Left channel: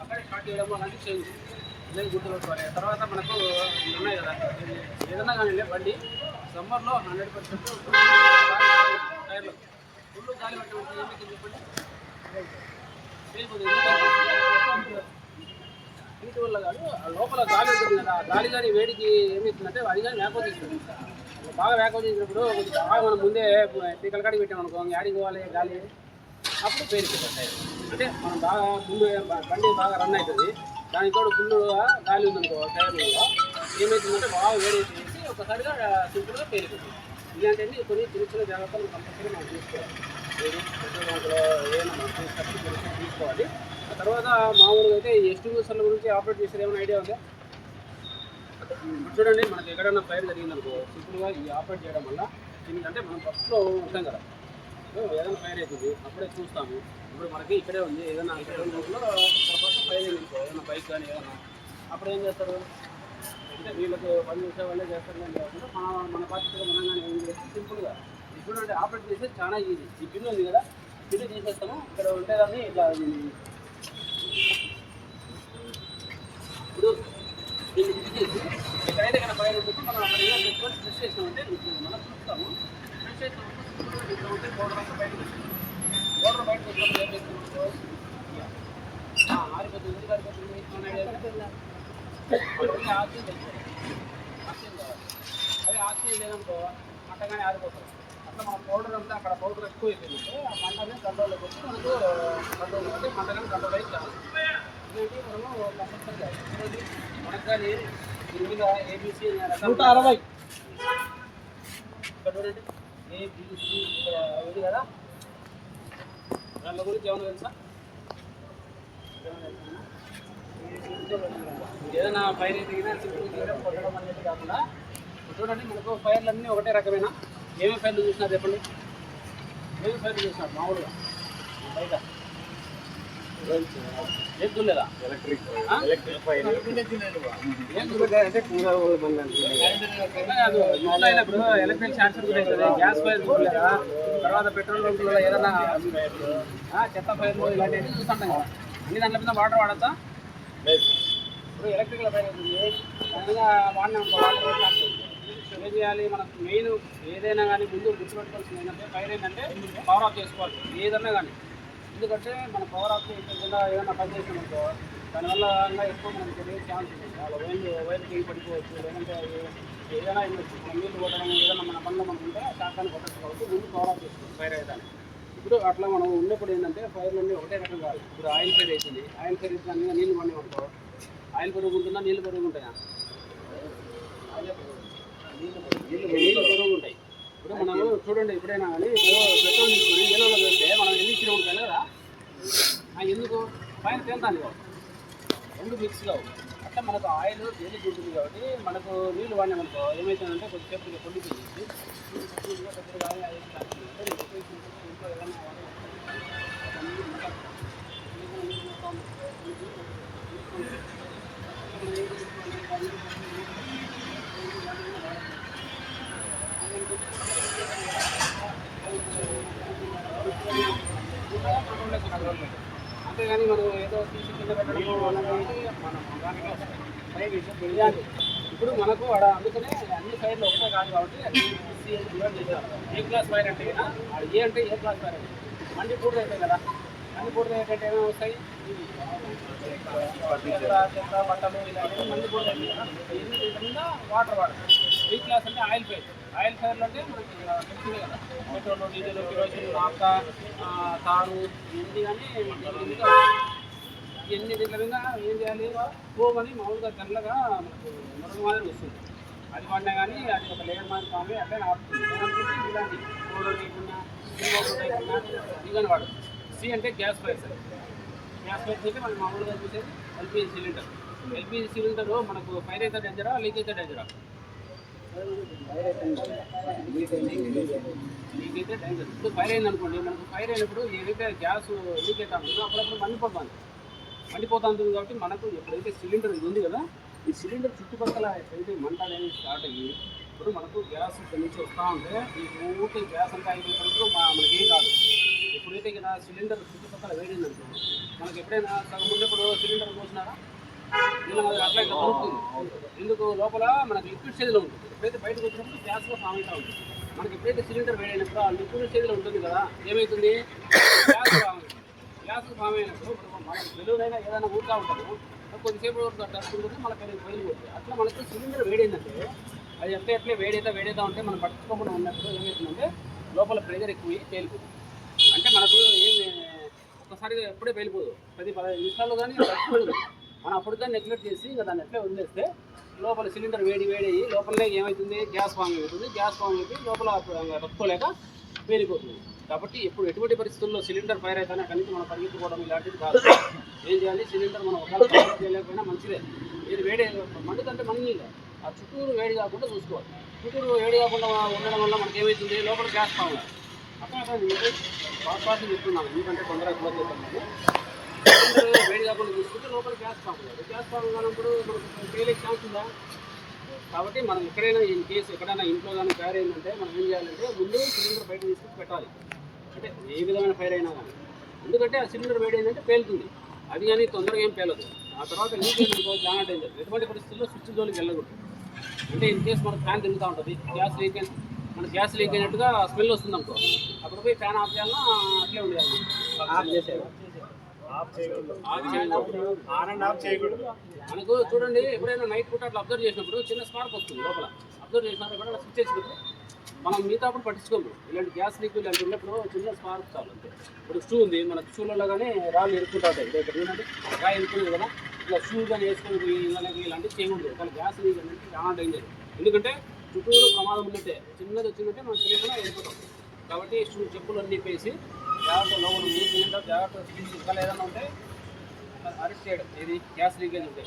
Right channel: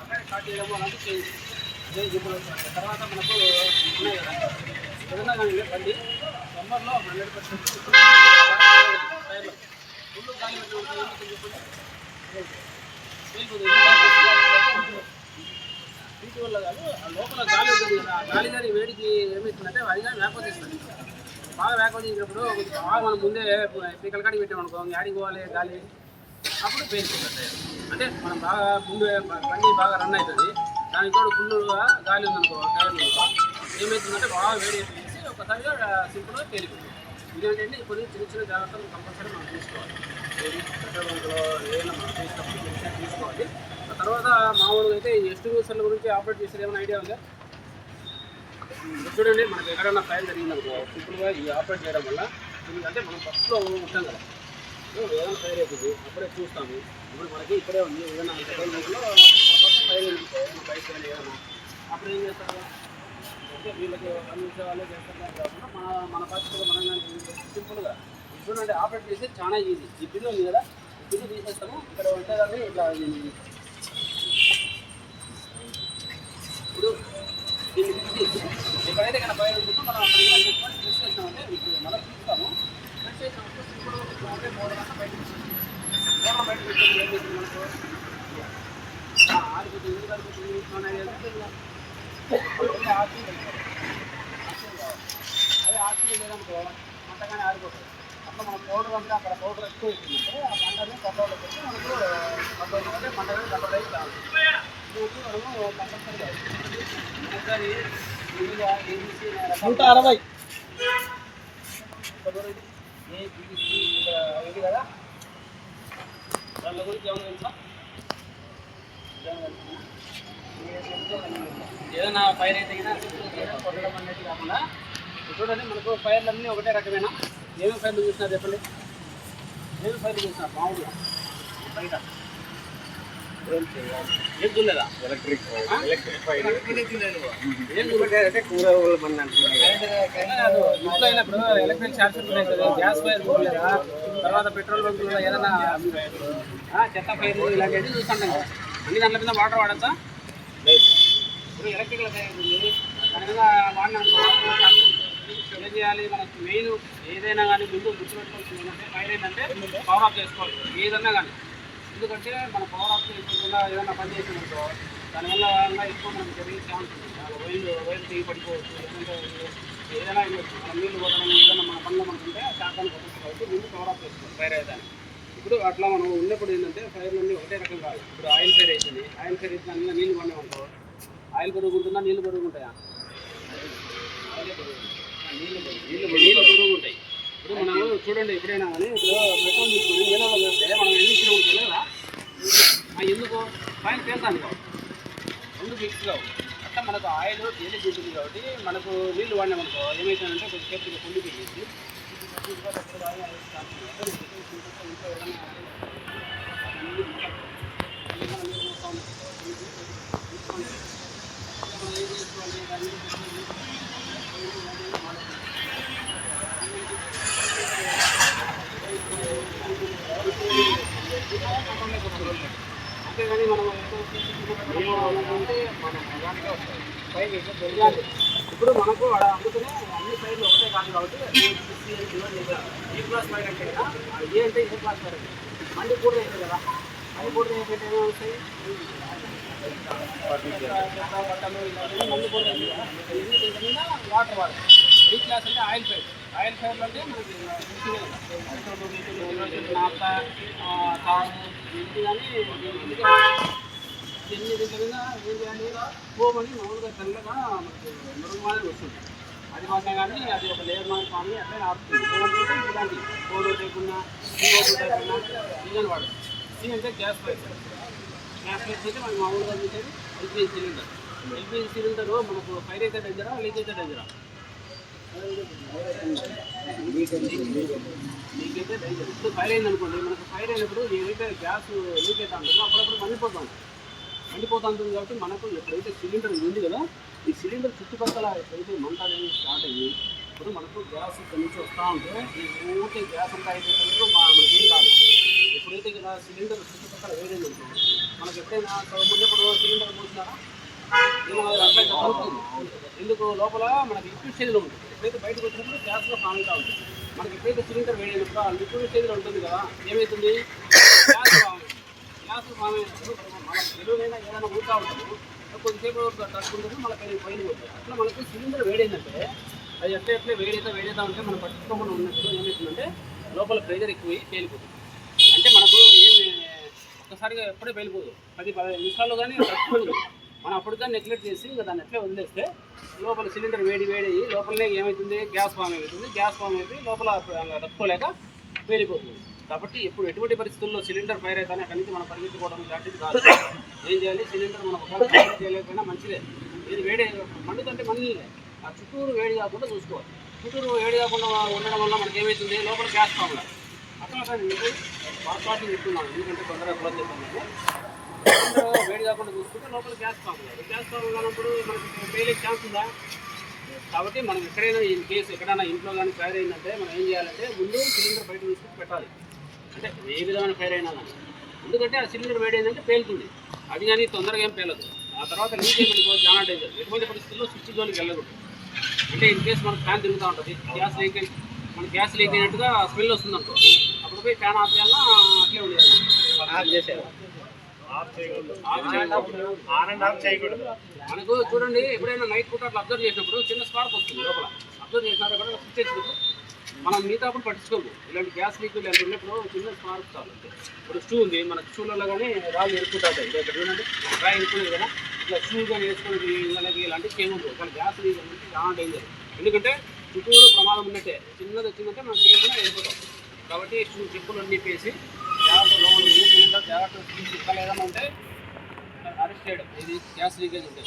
అక్కడే స్టార్ట్ చేయడం అలాంటివి చేయండి. అదే గుర్తులు తర్వాత మనకు ఉన్నాయి కదా, ఏదన్నా కానీ బండి సమ్మర్లో 100% టైర్లో ఫుల్ గాలి పెట్టినప్పుడు ఏమైతే చెప్పండి వెళ్ళిపోతుంది. వీటి వల్ల కాదు, లోపల గాలి ఉంటుంది కదా, ఆ గాలి కానీ వేడికి ఏమవుతుందంటే అది కానీ వ్యాకోచిస్తుంది. బాగా వ్యాకోచించినప్పుడు కొంచెం బాగా మనం ముందే పీకల కాడికి పెట్టామనుకో, యాడికి పోవాలి గాలి, అప్పుడు పేరుకుంటుంది టైర్. అంటే మనం బాగా ముందు బండి బాగా రన్ అవుతుంది, దానికి తోడు ఫుల్గా గాలి ఉందనుకో టైర్లలో, ఏమవుతుందంటే బాగా వేడైపోయేసి ఒకసారిగా సింపుల్గా పేరుకుంటుంది. ఇలాంటివన్నీ కొన్ని చిన్న చిన్న జాగ్రత్తలు కంపల్సరీ మనం తీసుకోవాలి. పెట్రోల్ బంకులో ఏమైనా మనం తీసేటప్పుడు తీసుకోవాలి. ఆ తర్వాత మామూలుగా అయితే ఎస్టిమేషన్ల గురించి ఆపరేట్ చేసేది ఏమైనా ఐడియా ఉందా? చూడండి, మనకి ఎక్కడైనా ఫైర్ జరిగిందనుకో సింపుల్గా ఈ ఆపరేట్ చేయడం వల్ల, ఎందుకంటే మనం ఫస్ట్లో ఉంటాం కదా, ఏదైనా ఫైర్ అవుతుంది అప్పుడే చూస్తాము. ఇప్పుడు మనకి ఇక్కడే ఉంది ఏదైనా పెట్రోల్ బంక్లో ఫస్ట్ ఫైర్ అయిందనుకో, ఏదైనా బైక్ కానీ ఏదైనా, అప్పుడు ఏం చేస్తారు అంటే వీళ్ళకి పని చేసే వాళ్ళే చేస్తారు కానీ కాకుండా మన పరిస్థితిలో మనం కానీ ఏం చేస్తాం సింపుల్గా చూడండి ఆపరేట్ చేసి చాలా ఈజీ. ఈ పిన్ ఉంది కదా, ఈ పిన్ తీసేస్తాము, ఇక్కడ ఉండేదాన్ని ఇట్లా ఇప్పుడు దీన్ని తీసేసి ఎక్కడైతే ఇక్కడ ఫైర్ ఉంటుందో మనం అక్కడ ఇలా పెట్టుకొని ప్రెస్ చేసామంటే ఇప్పుడు మనం చూస్తాము. ప్రెస్ చేసినప్పుడు సింపుల్గా ఇట్లా ఉంటే పౌడర్ అంతా బయటకు వస్తుంది. పౌడర్ బయటకు పెట్టుకొని ఏం చేస్తుంది మనకు ఆరిపోతుంది. ఎందుకు ఆరిపోతుంది ఆక్సిజన్ పెట్టుకోవాలి, ఆక్సిజన్ కావాలి. అదే ఆక్సిజన్ లేదనుకో మంటగానే ఆరిపోతుంది. అట్లా మనం పౌడర్ అంతా అక్కడ పౌడర్ ఎక్కువ అయిపోయిందంటే ఆ మంటని కంట్రోల్లో పెట్టి మనకు కంట్రోల్ అంటే మంటగానే కంట్రోల్ అయితే కాదు. ఇవి మనము కంపల్సరీగా మనకు కానీ ముందుగా ఏబీసీ 160 చూడండి, ఏబీసీ ఇది కదా, దాని గురించి ఏమైనా తెలుసా? ఏదైనా ఫైర్ అయితే కొట్టడం అనేది కాకుండా చూడండి, మనకు ఫైర్లు అన్నీ ఒకటే రకమేనా? ఏమేమి ఫైర్లు చూసినారు చెప్పండి, ఏమేమి ఫైర్లు చూసినారు మామూలుగా బయట? ఏం చూడలేదా? ఇంట్లో అయినప్పుడు ఎలక్ట్రిక్ షార్ట్ సర్క్యూట్ అవుతుంది, గ్యాస్ ఫైర్ చూడలేదా? తర్వాత పెట్రోల్ బంకులలో ఏదైనా చెత్త ఫైర్లు ఇలాంటివన్నీ చూస్తుంటాం కదా, అన్ని దాంట్లో మీద వాటర్ వాడచ్చా? ఇప్పుడు ఎలక్ట్రికల్ ఫైర్ అవుతుంది, దాని మీద వాడినా వాటర్ షార్ట్ ఏం చేయాలి? మనకు మెయిన్ ఏదైనా కానీ ముందు గుర్తుపెట్టుకోవాల్సింది ఏంటంటే ఫైర్ ఏంటంటే పవర్ ఆఫ్ చేసుకోవాలి ఏదన్నా కానీ. ఎందుకంటే మన పవర్ ఆఫ్ చేసుకోకుండా ఏదైనా పని చేసినప్పుడు దానివల్ల ఎక్కువ మనకు జరిగే ఛాన్స్ ఉంది. వైర్లు తెగి పడిపోవచ్చు, లేదంటే ఏదైనా ఇవ్వచ్చు. మనం నీళ్ళు కొట్టడం ఏదైనా మన పనిలో మనకు ఉంటే శాఖాన్ని కొట్టచ్చు కాబట్టి ముందు పవర్ ఆఫ్ చేసుకోవాలి ఫైర్ అయితే. ఇప్పుడు అట్లా మనం ఉన్నప్పుడు ఏంటంటే ఫైర్లన్నీ ఒకటే రకం కాదు. ఇప్పుడు ఆయిల్ ఫైర్ అవుతుంది, ఆయిల్ ఫైర్ అయితే దాని మీద నీళ్ళు పడినామనుకో ఆయిల్ పెరుగుంటుందా నీళ్ళు పెరుగుంటాయా? నీళ్ళు బరువుగా ఉంటాయి. ఇప్పుడు మనము చూడండి, ఎప్పుడైనా కానీ ఇప్పుడు పెట్రోల్ తీసుకొని నీళ్ళలో వేస్తే మనం ఎన్ని కిలోమీటర్లు కదా, ఎందుకు ఫైన్ పేలుతాను కాబట్టి రెండు మిక్స్ కావు. అట్లా మనకు ఆయిల్ తేలిక ఉంటుంది కాబట్టి మనకు నీళ్ళు వాడినామనుకో ఏమవుతుందంటే కొంచెం సేఫ్టీగా పొండిపోయేసి అంతేగాని మనం ఏదో పెట్టడము అలాంటి మనం దానికే వస్తాయి. ఇప్పుడు మనకు అందుకనే అన్ని ఫైర్లు ఒకటే కాదు కాబట్టి ఏ క్లాస్ ఫైర్ అంటే ఏ అంటే ఏ క్లాస్ ఫైర్ అంటే మండి పూర్తి అవుతాయి కదా, మండి పూర్తి అయిపోతే ఏమేమి వస్తాయి? చెత్త బట్టలు ఇలాంటివి మండి పూర్తి అవుతాయి కదా, మీద వాటర్ వాడతాయి. ఈ క్లాస్ అంటే ఆయిల్ ఫైర్. ఆయిల్ ఫైర్లు అంటే మనకి తెలిసిందే కదా, పెట్రోల్ డీజిల్ కిరోసిన్ నాఫ్తా తారు ఇది కానీ ఎన్ని దీంట్ల మీద ఏం చేయాలి? పోమని మామూలుగా చల్లగా మనకు మరుగు మాదిరి వస్తుంది. అది పడినా కానీ అది ఒక లేయర్ మాదిరి ఫామ్ అట్లే ఆపుతుంది. ఏమనుకుంటే ఇలాంటి పౌడర్ లేకుండా డీజల్ వాడదు. సి అంటే గ్యాస్ ఫైర్. గ్యాస్ ఫైర్ అయితే మనకి మామూలుగా చూసేది ఎల్పిజి సిలిండర్. ఎల్పిజి సిలిండర్ మనకు ఫైర్ అయితే డేంజరా, లీక్ అయితే డేంజరా? లీక్ అయితే డేంజర్. ఇప్పుడు ఫైర్ అయిందనుకోండి, మనకు ఫైర్ అయినప్పుడు ఏదైతే గ్యాస్ లీక్ అవుతా ఉంటుందో అప్పుడప్పుడు మండిపోతూ ఉంటుంది కాబట్టి మనకు ఎప్పుడైతే సిలిండర్ ఉంది కదా, ఈ సిలిండర్ చుట్టుపక్కల ఎప్పుడైతే మంట అనేది స్టార్ట్ అయ్యి ఇప్పుడు మనకు గ్యాస్ ఇక్కడ నుంచి వస్తూ ఉంటే ఈ ఊరికే గ్యాస్ అంతా అయిపోయినప్పుడు మనకేం కాదు. ఎప్పుడైతే ఇక్కడ సిలిండర్ చుట్టుపక్కల వేడైందంటే మనకి ఎప్పుడైనా సగం ముందు సిలిండర్ పోసినారా దీని వల్ల అట్లా అవుతుంది. ఎందుకు లోపల మనకి లిక్విడ్ స్టేజ్లో ఉంటుంది. ఎప్పుడైతే బయటకు వచ్చినప్పుడు గ్యాస్లో ఫామ్ అవుతూ ఉంటుంది. మనకి ఎప్పుడైతే సిలిండర్ వేడైనప్పుడు ఆ లిక్విడ్ స్టేజ్లో ఉంటుంది కదా, ఏమవుతుంది గ్యాస్ ఫామ్ అవుతుంది. గ్యాస్ ఫామ్ అయినప్పుడు మనం ఎరువులైనా ఏదైనా ఊరుతూ ఉంటాము, కొద్దిసేపు టచ్ ఉంటుంది, మళ్ళీ పైన పోతుంది. అట్లా మనకు సిలిండర్ వేడైందంటే అది ఎట్లా వేడైతే ఉంటే మనం పట్టుకోకుండా ఉన్నప్పుడు ఏమవుతుందంటే లోపల ప్రెజర్ ఎక్కువ తేలిపోతుంది. అంటే మనకు ఏమి ఒక్కసారిగా ఎప్పుడే వెళ్ళిపోదు, 10-15 నిమిషాల్లో కానీ తట్టుకోదు. మనం అప్పుడు కానీ నెగ్లెక్ట్ చేసి ఇంకా దాన్ని ఎట్లా వదిలేస్తే లోపల సిలిండర్ వేడయ్యి లోపలనే ఏమవుతుంది గ్యాస్ ఫామ్ అవుతుంది. గ్యాస్ ఫామ్ అయిపోయి లోపల తట్టుకోలేక వేలిపోతుంది. కాబట్టి ఇప్పుడు ఎటువంటి పరిస్థితుల్లో సిలిండర్ ఫైర్ అయితేనే అక్కడి నుంచి మనం పరిగెత్తుకోవడం ఇలాంటిది కాదు. ఏం చేయాలి, సిలిండర్ మనం ఒకవేళ ఫైర్ చేయలేకపోయినా మంచిదే. ఇది వేడి మండుతుంటే మండలే ఆ చుట్టూరు వేడి కాకుండా చూసుకోవాలి. చుట్టూరు వేడి కాకుండా ఉండడం వల్ల మనకి ఏమవుతుంది లోపల గ్యాస్ ఫామ్ కాదు. అట్లా మీకు పాస్ చెప్తున్నాను, ఎందుకంటే తొందరగా క్లోజ్ చేస్తాను. సిలిండర్ వేడి కాకుండా చూసుకుంటే లోపల గ్యాస్ ఫామ్ కాదు. గ్యాస్ ఫామ్ కానప్పుడు మనకి పేలే ఛాన్స్ ఉందా? కాబట్టి మనం ఎక్కడైనా ఇన్ కేసు ఎక్కడైనా ఇంట్లో కానీ ఫైర్ అయిందంటే మనం ఏం చేయాలంటే ముందు సిలిండర్ బయట తీసుకుని పెట్టాలి. అంటే ఏ విధమైన ఫైర్ అయినా కానీ, ఎందుకంటే ఆ సిలిండర్ వేడి అయిందంటే పేలుతుంది. అది కానీ తొందరగా ఏం పేలదు. ఆ తర్వాత లీక్ అయిందనుకో చాలా డేంజర్. ఎటువంటి పరిస్థితుల్లో స్విచ్ జోలికి వెళ్ళకూడదు. అంటే ఇన్ కేసు మనకు ఫ్యాన్ తిరుగుతూ ఉంటుంది, గ్యాస్ లీక్ అయినట్టుగా స్మెల్ వస్తుంది అనుకో, అప్పుడు పోయి ఫ్యాన్ ఆఫ్ చేయాలన్నా అట్లే ఉండేది. మనకు చూడండి, ఎప్పుడైనా నైట్ పూట అట్లా అబ్జర్వ్ చేసినప్పుడు చిన్న స్పార్క్ వస్తుంది లోపల. అబ్జర్వ్ చేసినారు ఎప్పుడైనా స్విచ్ చేసినప్పుడు మనం మిగతాప్పుడు పట్టించుకోము. ఇలాంటి గ్యాస్ లీక్ ఇలాంటి ఉన్నప్పుడు చిన్న స్పార్క్ చాలు అంతే. ఇప్పుడు షూ ఉంది, మనకు షూలలో కానీ రాళ్ళు ఇరుక్కుంటాయి. ఇక్కడ చూడండి రాయి ఇరుక్కునేది కదా, ఇట్లా షూ కానీ వేసుకుని వాళ్ళకి ఇలాంటివి చేయకూడదు. కానీ గ్యాస్ లీక్ అనేది చాలా డేంజర్. ఎందుకంటే చుట్టూరు ప్రమాదం ఉన్నట్టే, చిన్నది వచ్చిందంటే మనం తెలియకుండా వెళ్ళిపోతాం. కాబట్టి షూ చెప్పులు అన్నీ వేసి జాగ్రత్త లోపల సిలిండర్ జాగ్రత్త ఇంకా ఏదైనా ఉంటే అరెస్ట్ చేయడం. ఇది గ్యాస్ లీకేజ్ ఉంటే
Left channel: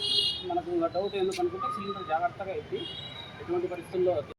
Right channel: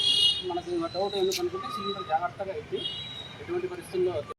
మనకు డౌట్ ఎందుకు అనుకుంటే సిలిండర్ జాగ్రత్తగా ఎత్తి ఎటువంటి పరిస్థితుల్లో